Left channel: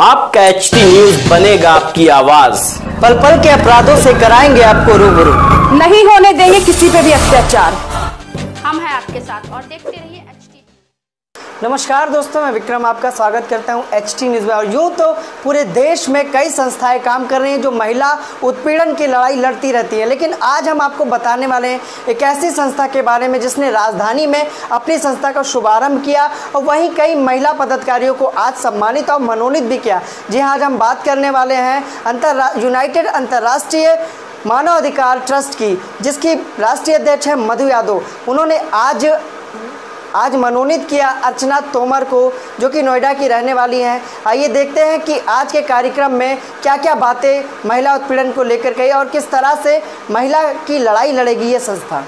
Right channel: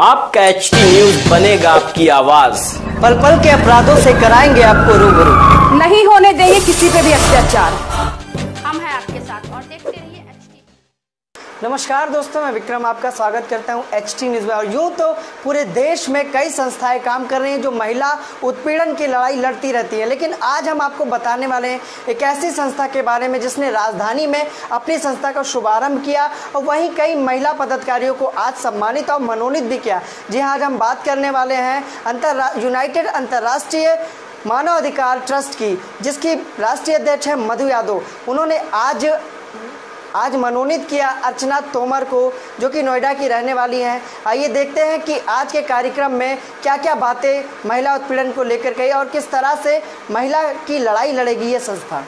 आपका HT news बनेगा आपकी आवाज। पल पल के अपराधों से कराएंगे आपको रूबरू। नहीं होने देंगे किसी पे भी अत्याचार। हम हैं आपके साथ और देखते रहिए एचटी। नमस्कार दोस्तों, मैं विक्रम आपका स्वागत करता हूं एचटी न्यूज में। और यूँ तो पूरे देश में कई संस्थाएं काम कर रही हैं जो महिला उत्पीड़न की लड़ाई लड़ती रहती है, लेकिन आज हम आपको बताने वाले हैं एक ऐसी संस्था के बारे में जिसने राजधानी में अपनी संस्था का शुभारंभ किया और वहीं कई महिला पदाधिकारियों को आज सम्मानित और मनोनीत भी किया। जी हाँ, आज हम बात करने वाले हैं यूनाइटेड अंतर्राष्ट्रीय मानव अधिकार ट्रस्ट की, जिसकी राष्ट्रीय अध्यक्ष है मधु यादव। उन्होंने आज मनोनीत किया अर्चना तोमर को, जो कि नोएडा की रहने वाली हैं। आइए देखते हैं कि आज के कार्यक्रम में क्या क्या बातें महिला उत्पीड़न को लेकर कही और किस तरह से महिला की लड़ाई लड़ेगी ये संस्था।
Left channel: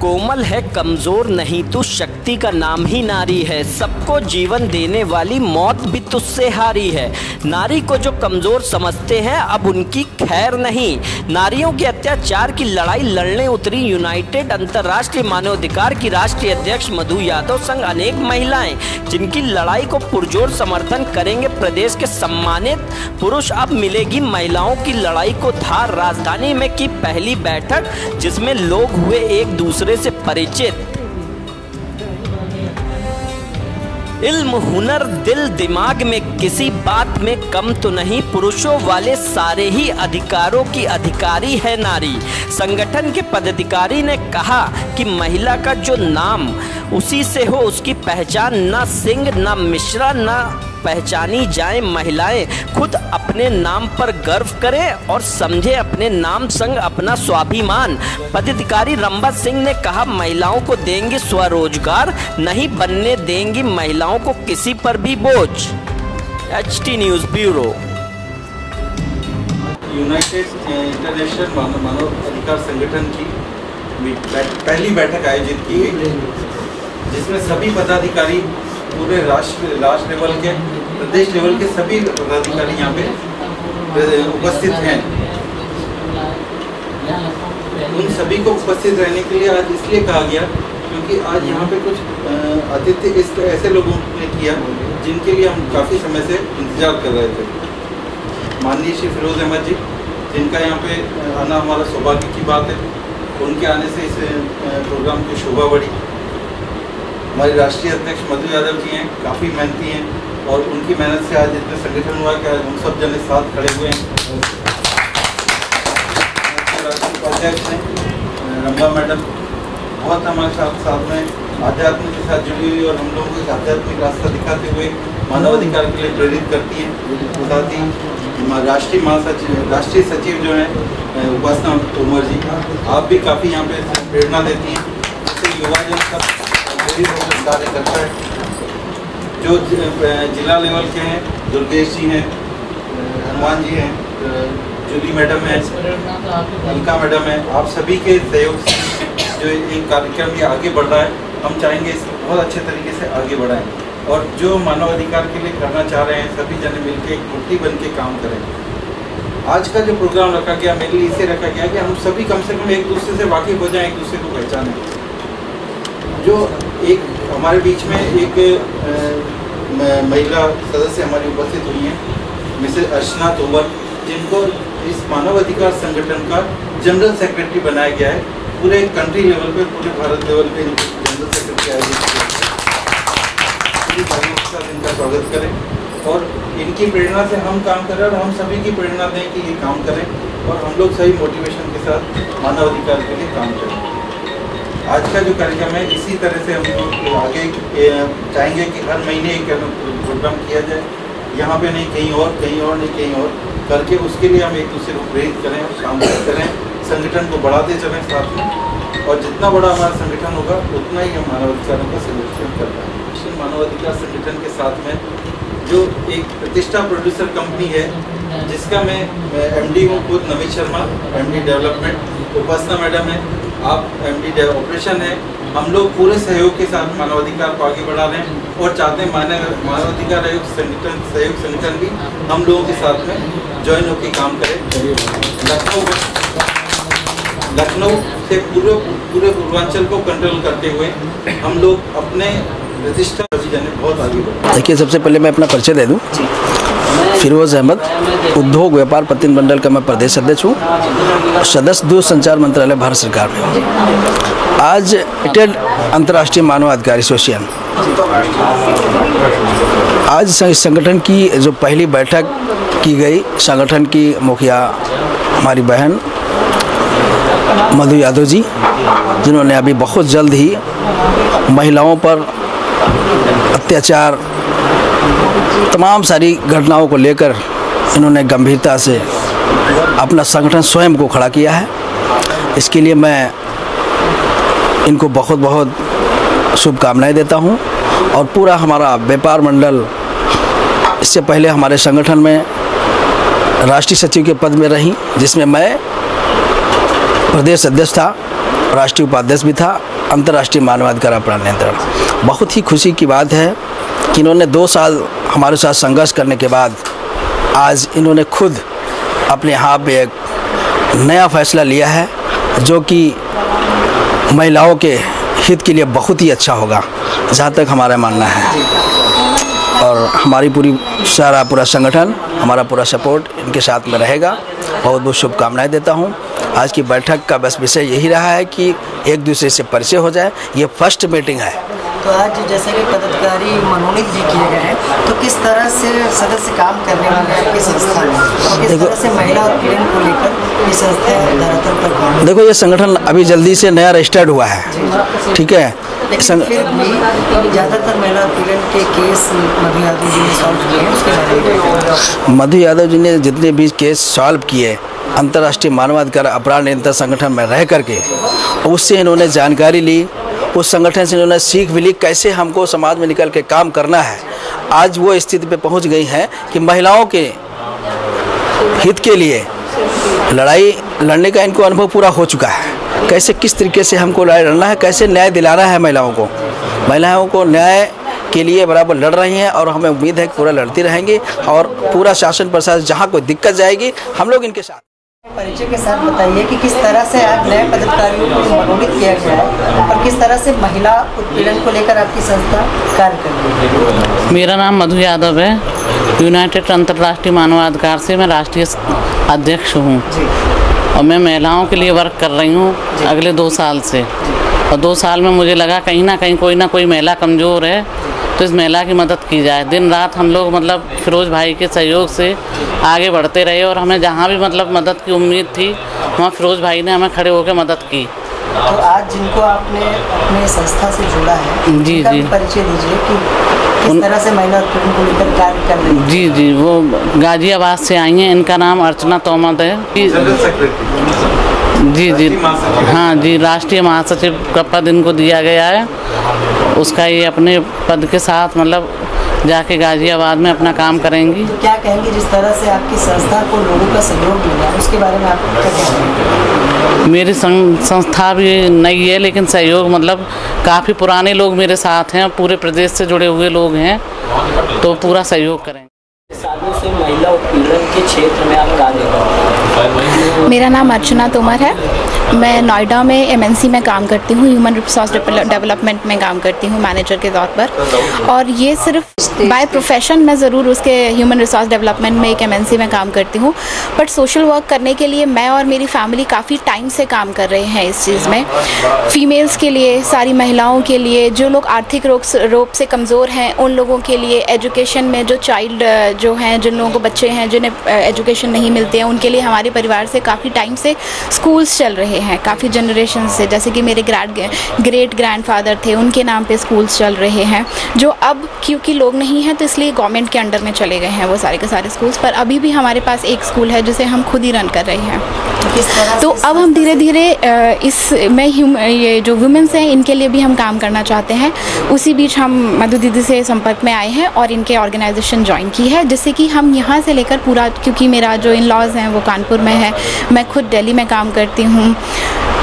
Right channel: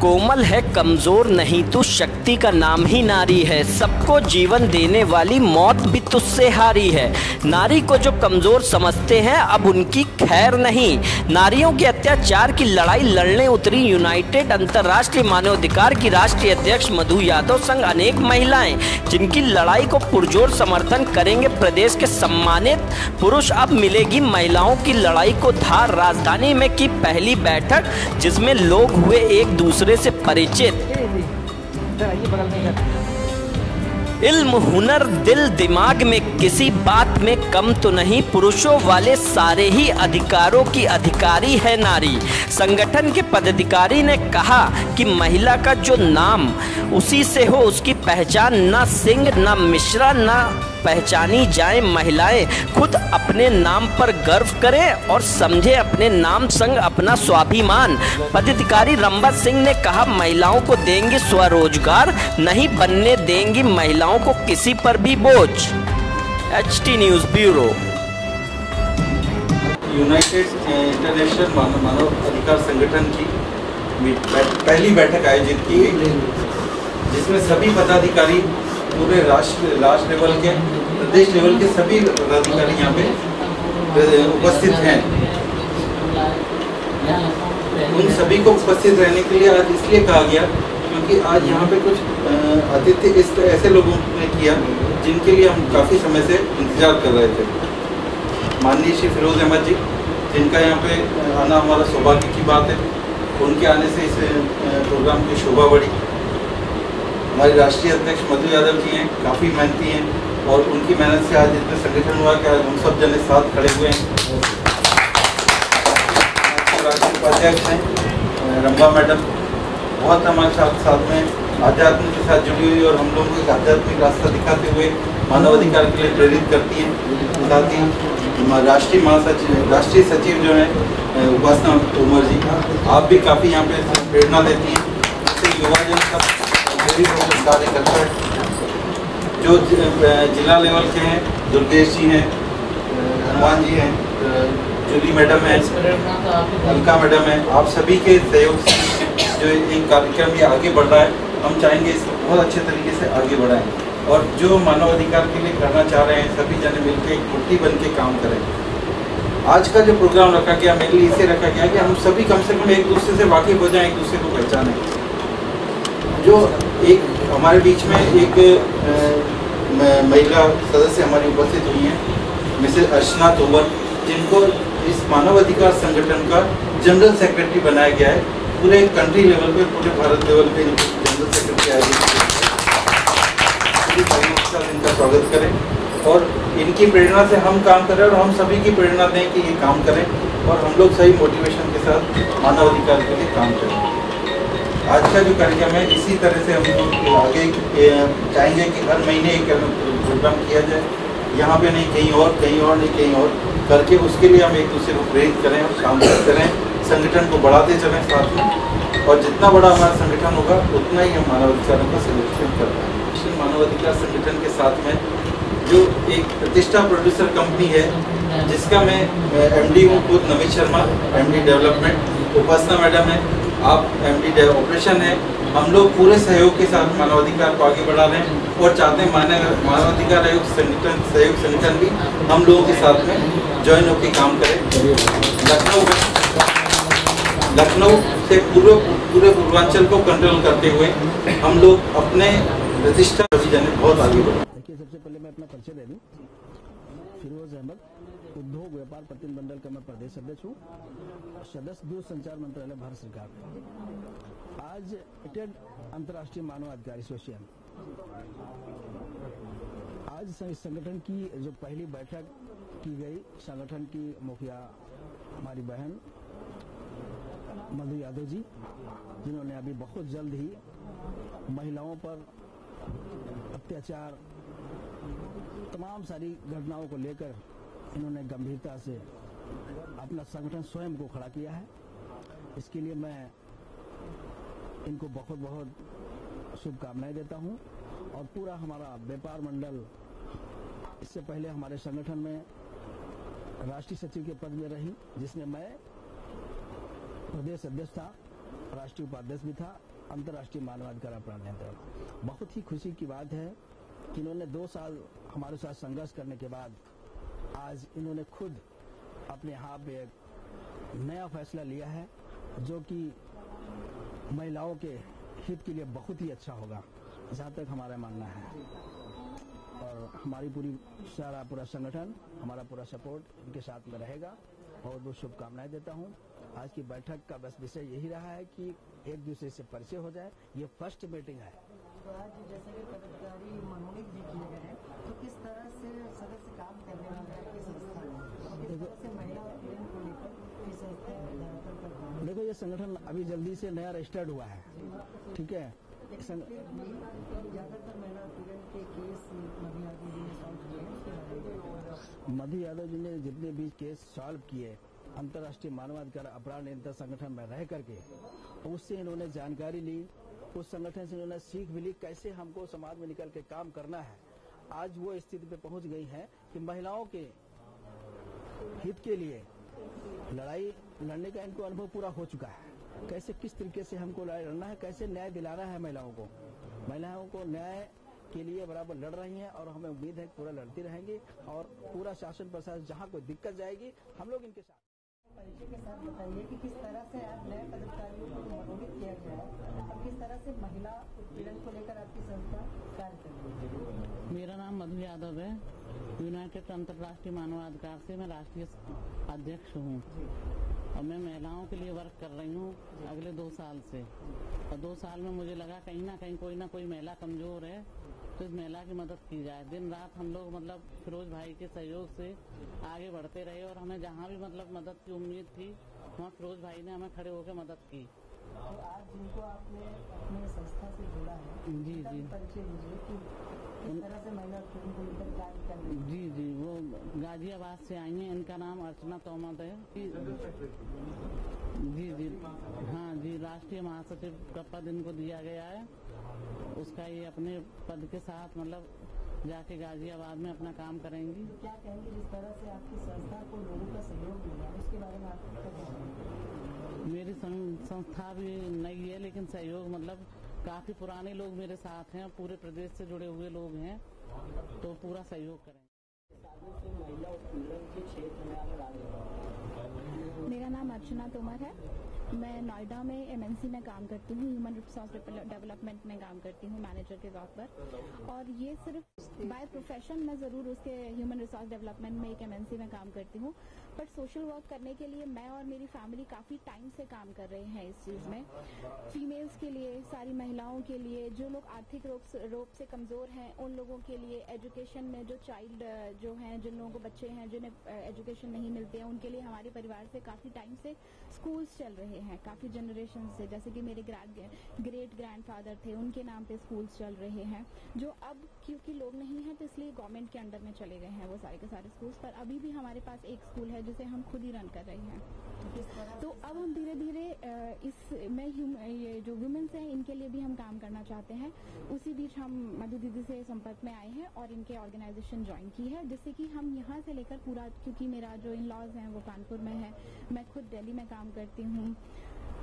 कोमल है, कमजोर नहीं तू, शक्ति का नाम ही नारी है। सबको जीवन देने वाली मौत भी तुझसे हारी है। नारी को जो कमजोर समझते हैं अब उनकी खैर नहीं। नारियों के अत्याचार की लड़ाई लड़ने उतरी यूनाइटेड अंतर्राष्ट्रीय मानवाधिकार की राष्ट्रीय अध्यक्ष मधु यादव संग अनेक महिलाएं, जिनकी लड़ाई को पुरजोर समर्थन करेंगे प्रदेश के सम्मानित पुरुष। अब मिलेगी महिलाओं की लड़ाई को धार। राजधानी में की पहली बैठक जिसमें लोग हुए एक दूसरे से परिचित। इल्म, हुनर, दिल, दिमाग में किसी बात में कम तो नहीं। पुरुषों वाले सारे ही अधिकारों की अधिकारी है नारी। संगठन के पदाधिकारी ने कहा कि महिला का जो नाम उसी से हो उसकी पहचान। न सिंह न मिश्रा न पहचानी जाए। महिलाएं खुद अपने नाम पर गर्व करें और समझे अपने नाम संग अपना स्वाभिमान। पदाधिकारी रंबा सिंह ने कहा महिलाओं को देंगी स्वरोजगार, नहीं बनने देंगी महिलाओं को किसी पर भी बोझ। HT news bureau. United international मानव अधिकार संगठन की पहली बैठक आयोजित की गई, जिसमें सभी पदाधिकारी पूरे राष्ट्र लेवल के, प्रदेश लेवल के सभी पदाधिकारी यहाँ पे उपस्थित हैं। उन सभी को उपस्थित रहने के लिए आज इसलिए कहा गया क्योंकि आज यहाँ पे कुछ अतिथि इस ऐसे लोगों ने किया जिनके लिए हम काफ़ी समय से इंतजार कर रहे थे। माननीय श्री फिरोज अहमद जी, जिनका यहाँ पे आना हमारा सौभाग्य की बात है, उनके आने से इस प्रोग्राम की शोभा बढ़ी। हमारी राष्ट्रीय अध्यक्ष मधु यादव जी हैं, काफ़ी मेहनती हैं और उनकी मेहनत से आज इतना संगठन हुआ कि आज हम सब जने साथ खड़े हुए हैं। राष्ट्रीय उपाध्यक्ष हैं रंबा मैडम, बहुत हमारे साथ में आध्यात्म के साथ जुड़ी हुई और हम लोगों को एक आध्यात्मिक रास्ता दिखाते हुए मानवाधिकार के लिए प्रेरित करती हैं। साथ ही राष्ट्रीय महासचिव, राष्ट्रीय सचिव जो हैं उपासना तोमर जी, आप भी काफ़ी यहाँ पे प्रेरणा देती हैं। इससे युवा जन सब कार्य करता है। जो जिला लेवल के हैं, दुर्गेश जी हैं, हनुमान जी हैं, जूली मैडम है, अलका मैडम है, आप सभी के सहयोग से जो एक कार्यक्रम ये आगे बढ़ रहा है, हम चाहेंगे इसको बहुत अच्छे तरीके से आगे बढ़ाएं और जो मानवाधिकार के लिए करना चाह रहे हैं सभी जने मिलकर एक मुट्ठी बन के काम करें। आज का जो प्रोग्राम रखा गया मेरे लिए इसे रखा गया कि हम सभी कम से कम एक दूसरे से वाकिफ हो जाएं, एक दूसरे को पहचानें। जो एक हमारे बीच में एक महिला सदस्य हमारी उपस्थित हुई हैं, मिसेस अर्चना तोमर, जिनको इस मानवाधिकार संगठन का जनरल सेक्रेटरी बनाया गया है। पूरे कंट्री लेवल पे, पूरे भारत लेवल पे जनरल सेक्रेटरी आयोजित किया है। इनका स्वागत करें और इनकी प्रेरणा से हम काम करें और हम सभी की प्रेरणा दें कि ये काम करें और हम लोग सही मोटिवेशन के साथ मानवाधिकार के लिए काम करें। आज का जो कार्यक्रम है इसी तरह से हम लोग आगे चाहेंगे कि हर महीने एक प्रोग्राम किया जाए, यहाँ पे नहीं कहीं और, कहीं और नहीं कहीं और करके उसके लिए हम एक दूसरे को प्रेरित करें और काम करें, संगठन को बढ़ाते चलें साथ में। और जितना बड़ा हमारा संगठन होगा उतना ही हम मानवाधिकारों का संरक्षण कर पाएंगे। मानवाधिकार संगठन के साथ में जो एक प्रतिष्ठा प्रोड्यूसर कंपनी है, जिसका मैं MD हूँ खुद, नवीन शर्मा MD डेवलपमेंट, उपासना मैडम है, आप MD ऑपरेशन है। हम लोग पूरे सहयोग के साथ मानवाधिकार को आगे बढ़ा रहे हैं और चाहते हैं मानवाधिकार आयोग सहयोग संगठन भी हम लोगों के साथ में ज्वाइन होकर काम करें। लखनऊ से पूरे पूर्वांचल को कंट्रोल करते हुए हम लोग अपने प्रतिष्ठा बहुत आगे बढ़ा। देखिए, सबसे पहले मैं अपना परिचय दे दूं। फिरोज़ अहमद, उद्योग व्यापार प्रतिनिधिमंडल का मैं प्रदेश अध्यक्ष हूँ, सदस्य दूरसंचार मंत्रालय भारत सरकार में हूँ। आज यूनाइटेड अंतर्राष्ट्रीय मानवाधिकार एसोसिएशन आज संगठन की जो पहली बैठक की गई, संगठन की मुखिया हमारी बहन मधु यादव जी, जिन्होंने अभी बहुत जल्द ही महिलाओं पर अत्याचार तमाम सारी घटनाओं को लेकर इन्होंने गंभीरता से अपना संगठन स्वयं को खड़ा किया है। इसके लिए मैं इनको बहुत बहुत शुभकामनाएं देता हूं। और पूरा हमारा व्यापार मंडल, इससे पहले हमारे संगठन में राष्ट्रीय सचिव के पद में रही, जिसमें मैं प्रदेश अध्यक्ष था, राष्ट्रीय उपाध्यक्ष भी था, अंतर्राष्ट्रीय मानवाधिकार अपराध नियंत्रण। बहुत ही खुशी की बात है कि इन्होंने 2 साल हमारे साथ संघर्ष करने के बाद आज इन्होंने खुद अपने यहाँ पे एक नया फैसला लिया है, जो कि महिलाओं के हित के लिए बहुत ही अच्छा होगा, जहाँ तक हमारा मानना है। और हमारी पूरा संगठन, हमारा पूरा सपोर्ट इनके साथ में रहेगा। बहुत बहुत शुभकामनाएं देता हूँ। आज की बैठक का बस विषय यही रहा है कि एक दूसरे से परिचय हो जाए। ये फर्स्ट मीटिंग है। तो आज जैसे कि पदाधिकारी मनोनीत भी किए गए हैं, तो किस तरह से सदस्य काम करने वाले हैं आपकी संस्था में, और किस तरह से महिला उत्पीड़न को लेकर ये संस्था धरातल पर काम? देखो, ये संगठन अभी जल्दी से नया रजिस्टर्ड हुआ है, ठीक है। लेकिन फिर भी ज़्यादातर महिला उत्पीड़न के केस मधु यादव जी ने सॉल्व किए हैं, उसके बारे में? मधु यादव जी ने जितने भी केस सॉल्व किए अंतर्राष्ट्रीय मानवाधिकार अपराध नियंत्रण संगठन में रह करके, उससे इन्होंने जानकारी ली, उस संगठन से इन्होंने सीख भी ली कैसे हमको समाज में निकल के काम करना है। आज वो स्थिति पे पहुंच गई हैं कि महिलाओं के हित के लिए लड़ाई लड़ने का इनको अनुभव पूरा हो चुका है। कैसे किस तरीके से हमको लड़ाई लड़ना है, कैसे न्याय दिलाना है महिलाओं को न्याय के लिए बराबर लड़ रही हैं। और हमें उम्मीद है कि पूरा लड़ती रहेंगी और पूरा शासन प्रशासन जहाँ कोई दिक्कत जाएगी हम लोग इनके साथ। परिचय के साथ बताइए कि किस तरह से आज नए पदाधिकारियों को मनोनीत किया गया है और किस तरह से महिला उत्पीड़न को लेकर आपकी संस्था कार्य कर रही है। मेरा नाम मधु यादव है, यूनाइटेड अंतर्राष्ट्रीय मानवाधिकार से मैं राष्ट्रीय अध्यक्ष हूँ और मैं महिलाओं के लिए वर्क कर रही हूँ अगले 2 साल से। और 2 साल में मुझे लगा कहीं ना कोई महिला कमज़ोर है, तो इस महिला की मदद की जाए। दिन रात हम लोग फिरोज़ भाई के सहयोग से आगे बढ़ते रहे और हमें जहाँ भी मदद की उम्मीद थी, वहाँ फिरोज़ भाई ने हमें खड़े होकर मदद की। तो आज जिनको आपने अपने संस्था से जोड़ा है, जी, परिचय दीजिए कि किस तरह से महिला उत्पीड़न को लेकर कार्य कर रही है। जी, वो गाजियाबाद से आई हैं। इनका नाम अर्चना तोमर है। जी, हाँ जी, राष्ट्रीय महासचिव का पद इनको दिया गया है। उसका ये अपने पद के साथ जाके गाजियाबाद में अपना काम करेंगी। क्या कहेंगी जिस तरह से आपकी संस्था को लोगों का सहयोग मिला, उसके बारे में आप क्या कहेंगे? मेरी संस्था भी नई है, लेकिन सहयोग काफ़ी पुराने लोग मेरे साथ हैं, पूरे प्रदेश से जुड़े हुए लोग हैं, तो पूरा सहयोग करेंगे। सालों से महिला उत्पीड़न के क्षेत्र में आप कार्य कर रहे हैं। मेरा नाम अर्चना तोमर है। मैं नोएडा में एमएनसी में काम करती हूँ, ह्यूमन रिसोर्स डेवलपमेंट में काम करती हूँ मैनेजर के तौर पर। और ये सिर्फ बाय प्रोफेशन मैं ज़रूर उसके ह्यूमन रिसोर्स डेवलपमेंट में एक एमएनसी में काम करती हूँ, बट सोशल वर्क करने के लिए मैं और मेरी फैमिली काफ़ी टाइम से काम कर रहे हैं इस चीज़ में। फ़ीमेल्स के लिए, सारी महिलाओं के लिए, जो लोग आर्थिक रूप से कमज़ोर हैं, उन लोगों के लिए, एजुकेशन में जो चाइल्ड जो हैं, जिन लोगों को बच्चे हैं जिन्हें एजुकेशन नहीं मिलते हैं, उनके लिए हमारे परिवार से काफ़ी टाइम से स्कूल्स चल रहे हैं, काफ़ी जनरेशन से। जैसे कि मेरे ग्रेट ग्रैंडफादर थे, उनके नाम पे स्कूल्स चल रहे हैं, जो अब क्योंकि लोग नहीं हैं तो इसलिए गवर्नमेंट के अंडर में चले गए हैं वो सारे के सारे स्कूल्स। पर अभी भी हमारे पास एक स्कूल है जिसे हम खुद ही रन कर रहे हैं। तो अब हम धीरे धीरे ये जो वुमेन्स हैं इनके लिए भी हम काम करना चाहते हैं। उसी बीच हम मधु दीदी से संपर्क में आए हैं और इनके ऑर्गेनाइजेशन ज्वाइन की है, जिससे कि हम यहाँ से लेकर पूरा, क्योंकि मेरा जो इन लॉज हैं वो कानपुर में है, मैं खुद दिल्ली में काम करती हूँ,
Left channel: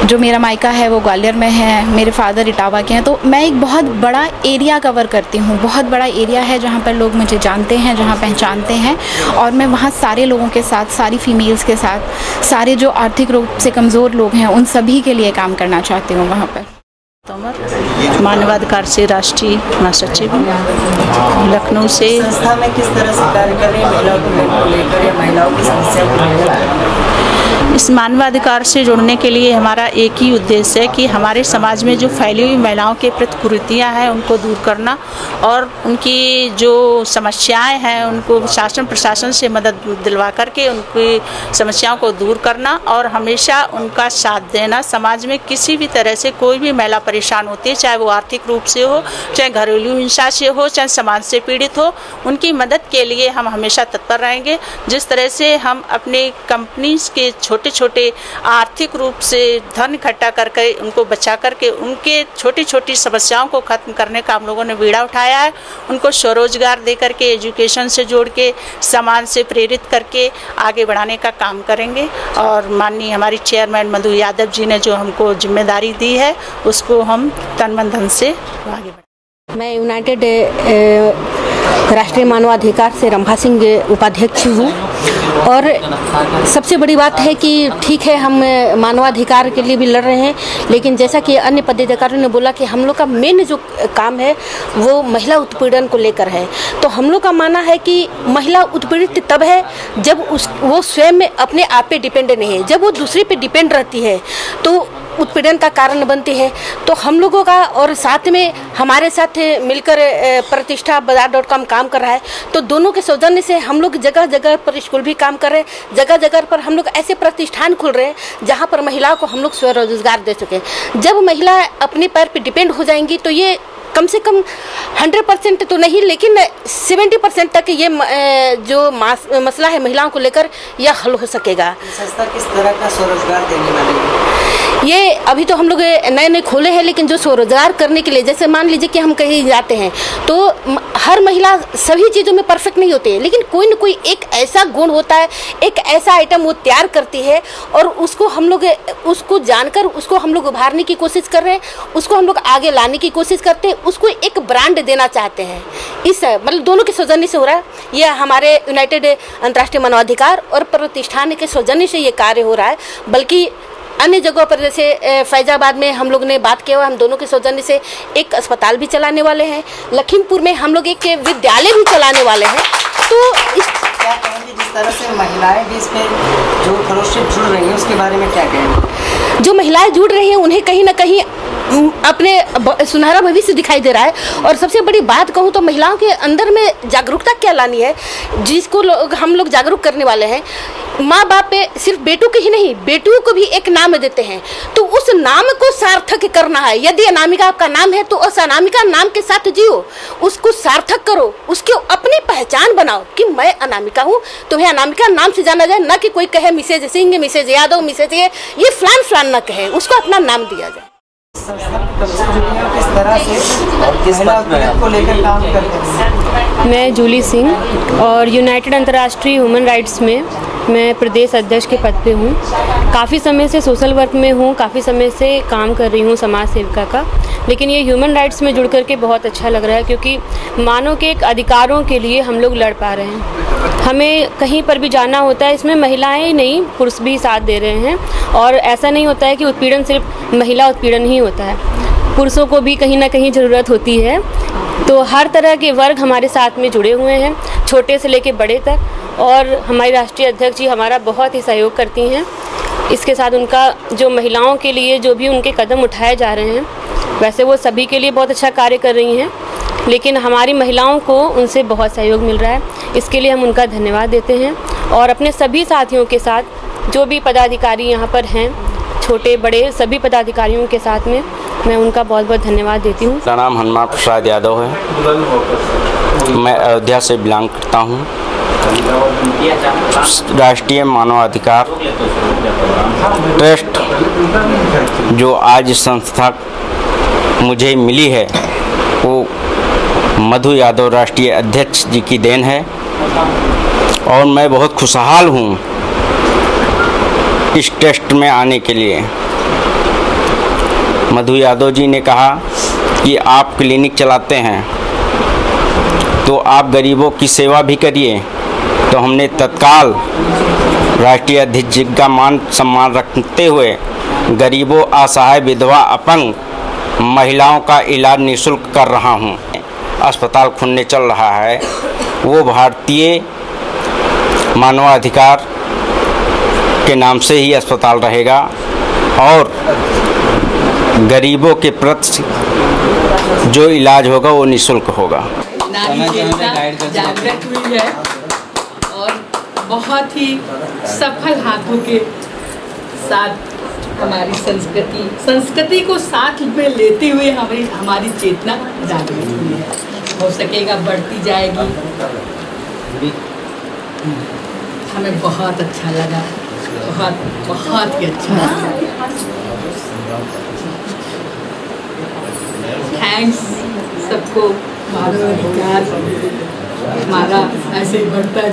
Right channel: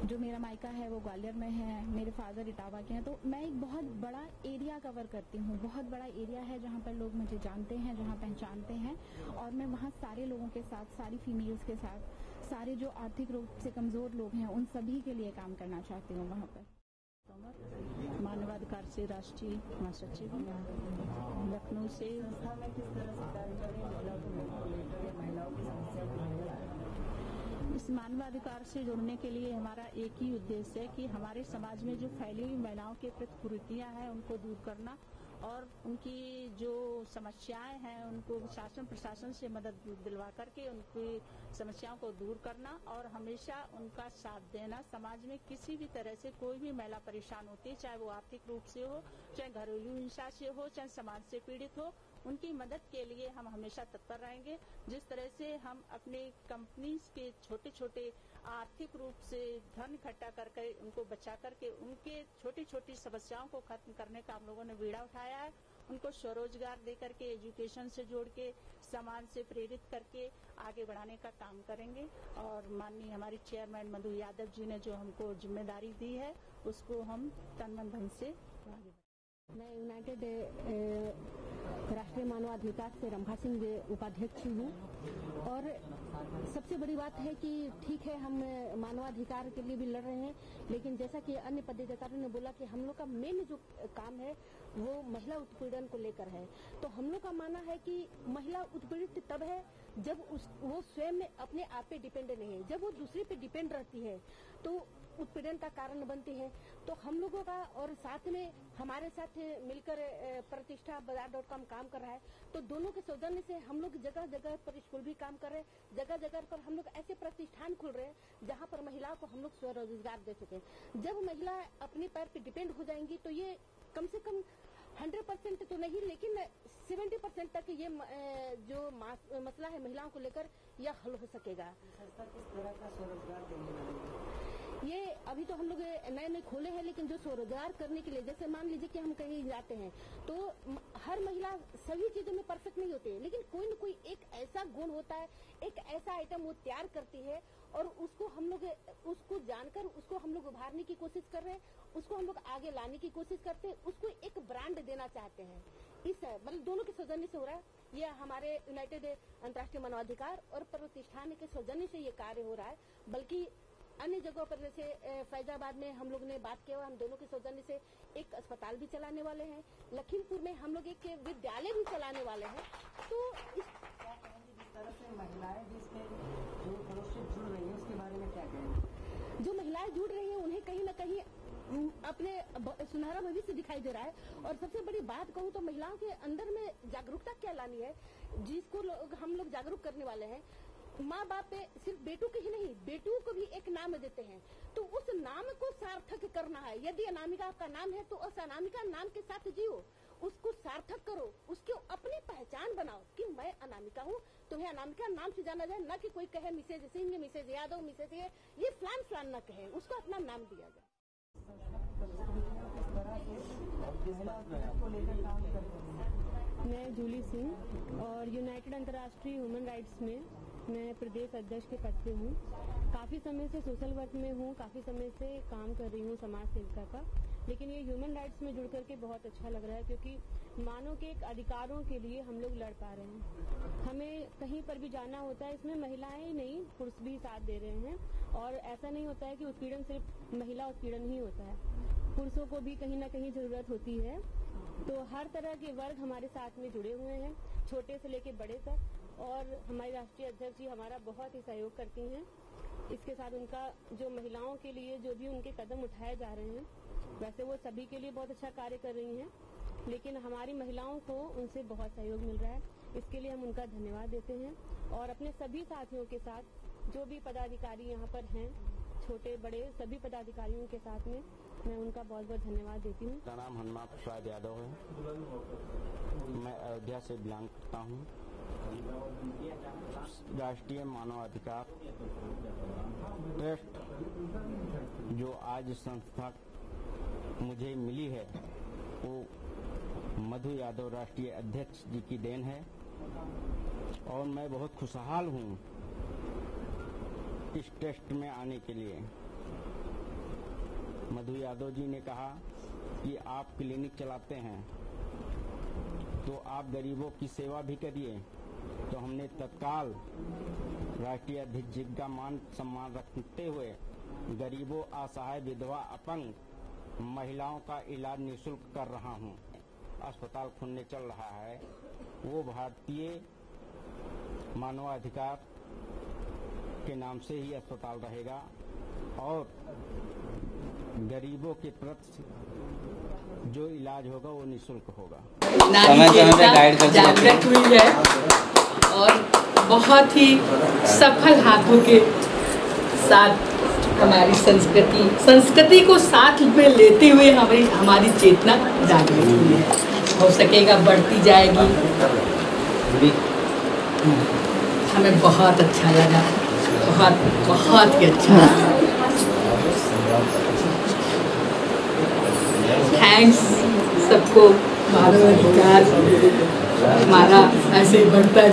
जो मेरा मायका है वो ग्वालियर में है, मेरे फादर इटावा के हैं, तो मैं एक बहुत बड़ा एरिया कवर करती हूँ। बहुत बड़ा एरिया है जहाँ पर लोग मुझे जानते हैं, जहाँ पहचानते हैं, और मैं वहाँ सारे लोगों के साथ, सारी फीमेल्स के साथ, सारे जो आर्थिक रूप से कमज़ोर लोग हैं उन सभी के लिए काम करना चाहती हूँ वहाँ पर। तोमर, मानवाधिकार से राष्ट्रीय महासचिव, लखनऊ से। संस्था में किस तरह से कार्य कर रही है महिलाओं को महिलाओं की समस्या को लेकर? इस मानवाधिकार से जुड़ने के लिए हमारा एक ही उद्देश्य है कि हमारे समाज में जो फैली हुई महिलाओं के प्रति कुरीतियाँ हैं उनको दूर करना और उनकी जो समस्याएं हैं उनको शासन प्रशासन से मदद दिलवा करके उनकी समस्याओं को दूर करना और हमेशा उनका साथ देना। समाज में किसी भी तरह से कोई भी महिला परेशान होती है, चाहे वो आर्थिक रूप से हो, चाहे घरेलू हिंसा से हो, चाहे समाज से पीड़ित हो, उनकी मदद के लिए हम हमेशा तत्पर रहेंगे। जिस तरह से हम अपने कंपनीज के छोटे छोटे आर्थिक रूप से धन इकट्ठा करके उनको बचा करके उनके छोटी छोटी समस्याओं को खत्म करने का हम लोगों ने बीड़ा उठाया है। उनको स्वरोजगार दे करके, एजुकेशन से जोड़ के, समाज से प्रेरित करके आगे बढ़ाने का काम करेंगे। और माननीय हमारी चेयरमैन मधु यादव जी ने जो हमको जिम्मेदारी दी है उसको हम तन मन धन से आगे बढ़ाएंगे। मैं यूनाइटेड राष्ट्रीय मानवाधिकार से रंभा सिंह उपाध्यक्ष हूँ और सबसे बड़ी बात है कि ठीक है हम मानवाधिकार के लिए भी लड़ रहे हैं, लेकिन जैसा कि अन्य पदाधिकारियों ने बोला कि हम लोग का मेन जो काम है वो महिला उत्पीड़न को लेकर है। तो हम लोग का मानना है कि महिला उत्पीड़ित तब है जब वो स्वयं में अपने आप पे डिपेंड नहीं है, जब वो दूसरे पे डिपेंड रहती है तो उत्पीड़न का कारण बनती है। तो हम लोगों का और साथ में हमारे साथ मिलकर प्रतिष्ठा बाजार.com काम कर रहा है, तो दोनों के सौजन्य से हम लोग जगह जगह पर स्कूल भी काम कर रहे हैं, जगह जगह पर हम लोग ऐसे प्रतिष्ठान खोल रहे हैं जहाँ पर महिलाओं को हम लोग स्वरोजगार दे सकें। जब महिला अपने पैर पर डिपेंड हो जाएंगी तो ये कम से कम 100% तो नहीं लेकिन 70% तक ये जो मसला है महिलाओं को लेकर यह हल हो सकेगा। संस्था किस तरह का स्वरोजगार देने वाली है? ये अभी तो हम लोग नए नए खोले हैं, लेकिन जो स्वरोजगार करने के लिए जैसे मान लीजिए कि हम कहीं जाते हैं तो हर महिला सभी चीज़ों में परफेक्ट नहीं होती है, लेकिन कोई न कोई एक ऐसा गुण होता है, एक ऐसा आइटम वो तैयार करती है और उसको हम लोग उसको जानकर उसको हम लोग उभारने की कोशिश कर रहे हैं, उसको हम लोग आगे लाने की कोशिश करते हैं, उसको एक ब्रांड देना चाहते हैं। इस मतलब दोनों के सौजन्य से हो रहा है। ये हमारे यूनाइटेड अंतर्राष्ट्रीय मानवाधिकार और प्रतिष्ठान के सौजन्य से ये कार्य हो रहा है, बल्कि अन्य जगहों पर जैसे फैजाबाद में हम लोग ने बात किया, हम दोनों के सौजन्य से एक अस्पताल भी चलाने वाले हैं, लखीमपुर में हम लोग एक विद्यालय भी चलाने वाले हैं। तो इस क्या कहेंगे जिस तरह से महिलाएं भी इसमें जो फेलोशिप जुड़ रही हैं उसके बारे में क्या कहेंगे? जो महिलाएं जुड़ रही हैं उन्हें कहीं ना कहीं अपने सुनहरा भविष्य दिखाई दे रहा है। और सबसे बड़ी बात कहूँ तो महिलाओं के अंदर में जागरूकता क्या लानी है, जिसको हम लोग जागरूक करने वाले हैं। माँ बाप पे सिर्फ बेटों के ही नहीं, बेटियों को भी एक नाम देते हैं, तो उस नाम को सार्थक करना है। यदि अनामिका आपका नाम है तो उस अनामिका नाम के साथ जियो, उसको सार्थक करो, उसकी अपनी पहचान बनाओ कि मैं अनामिका हूँ, तुम्हें अनामिका नाम से जाना जाए, न कि कोई कहे Mrs Singh, Mrs Yadav, Mrs ये फलान फलान न कहे, उसको अपना नाम दिया जाए। किस तरह से और किस बात को लेकर काम करते हैं? मैं जूली सिंह और यूनाइटेड अंतर्राष्ट्रीय ह्यूमन राइट्स में मैं प्रदेश अध्यक्ष के पद पे हूँ। काफ़ी समय से सोशल वर्क में हूँ, काफ़ी समय से काम कर रही हूँ समाज सेविका का, लेकिन ये ह्यूमन राइट्स में जुड़ करके बहुत अच्छा लग रहा है, क्योंकि मानव के एक अधिकारों के लिए हम लोग लड़ पा रहे हैं। हमें कहीं पर भी जाना होता है, इसमें महिलाएं ही नहीं पुरुष भी साथ दे रहे हैं। और ऐसा नहीं होता है कि उत्पीड़न सिर्फ महिला उत्पीड़न ही होता है, पुरुषों को भी कहीं ना कहीं ज़रूरत होती है। तो हर तरह के वर्ग हमारे साथ में जुड़े हुए हैं, छोटे से लेके बड़े तक। और हमारी राष्ट्रीय अध्यक्ष जी हमारा बहुत ही सहयोग करती हैं। इसके साथ उनका जो महिलाओं के लिए जो भी उनके कदम उठाए जा रहे हैं, वैसे वो सभी के लिए बहुत अच्छा कार्य कर रही हैं, लेकिन हमारी महिलाओं को उनसे बहुत सहयोग मिल रहा है। इसके लिए हम उनका धन्यवाद देते हैं। और अपने सभी साथियों के साथ जो भी पदाधिकारी यहाँ पर हैं, छोटे बड़े सभी पदाधिकारियों के साथ में मैं उनका बहुत बहुत धन्यवाद देती हूँ। मेरा नाम हनुमान प्रसाद यादव है, मैं अयोध्या से बिलोंग करता हूँ। राष्ट्रीय मानवाधिकार ट्रस्ट जो आज संस्था मुझे मिली है वो मधु यादव राष्ट्रीय अध्यक्ष जी की देन है, और मैं बहुत खुशहाल हूँ इस ट्रस्ट में आने के लिए। मधु यादव जी ने कहा कि आप क्लिनिक चलाते हैं तो आप गरीबों की सेवा भी करिए, तो हमने तत्काल राष्ट्रीय अध्यक्ष जी का मान सम्मान रखते हुए गरीबों, असहाय, विधवा, अपंग महिलाओं का इलाज निःशुल्क कर रहा हूं। अस्पताल खुलने चल रहा है, वो भारतीय मानवाधिकार के नाम से ही अस्पताल रहेगा और गरीबों के प्रति जो इलाज होगा वो निःशुल्क होगा। जागृत हुई है और बहुत ही सफल हाथों के साथ हमारी संस्कृति को साथ में लेते हुए हमारी चेतना जागृत हुई है। हो सकेगा बढ़ती जाएगी। हमें बहुत अच्छा लगा, बहुत ही अच्छा। थैंक्स सबको। मानवाधिकार हमारा ऐसे बढ़ता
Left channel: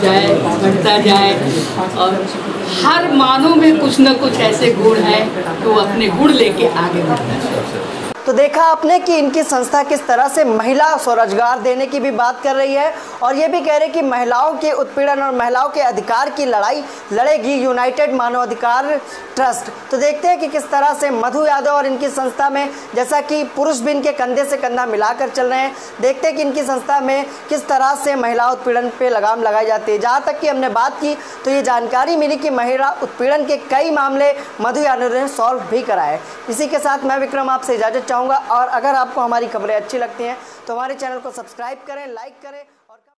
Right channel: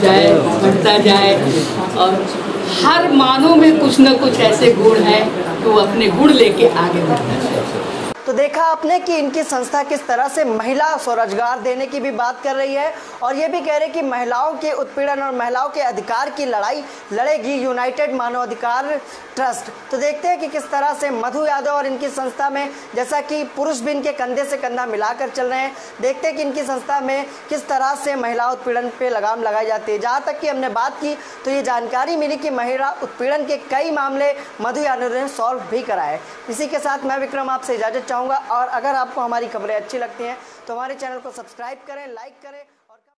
जाए और हर मानव में कुछ न कुछ ऐसे गुण है तो अपने गुण लेके आगे बढ़ना चाहिए। तो देखा आपने कि इनकी संस्था किस तरह से महिला स्वरोजगार देने की भी बात कर रही है और ये भी कह रहे कि महिलाओं के उत्पीड़न और महिलाओं के अधिकार की लड़ाई लड़ेगी यूनाइटेड मानवाधिकार ट्रस्ट। तो देखते हैं कि किस तरह से मधु यादव और इनकी संस्था में, जैसा कि पुरुष भी इनके कंधे से कंधा मिलाकर चल रहे हैं, देखते हैं कि इनकी संस्था में किस तरह से महिला उत्पीड़न पे लगाम लगाई जाती है। जहाँ तक कि हमने बात की तो ये जानकारी मिली कि महिला उत्पीड़न के कई मामले मधु यादव ने सॉल्व भी कराए। इसी के साथ मैं विक्रम आपसे इजाजत चाहूँगा और अगर आपको हमारी खबरें अच्छी लगती हैं तो हमारे चैनल को सब्सक्राइब करें, लाइक करें।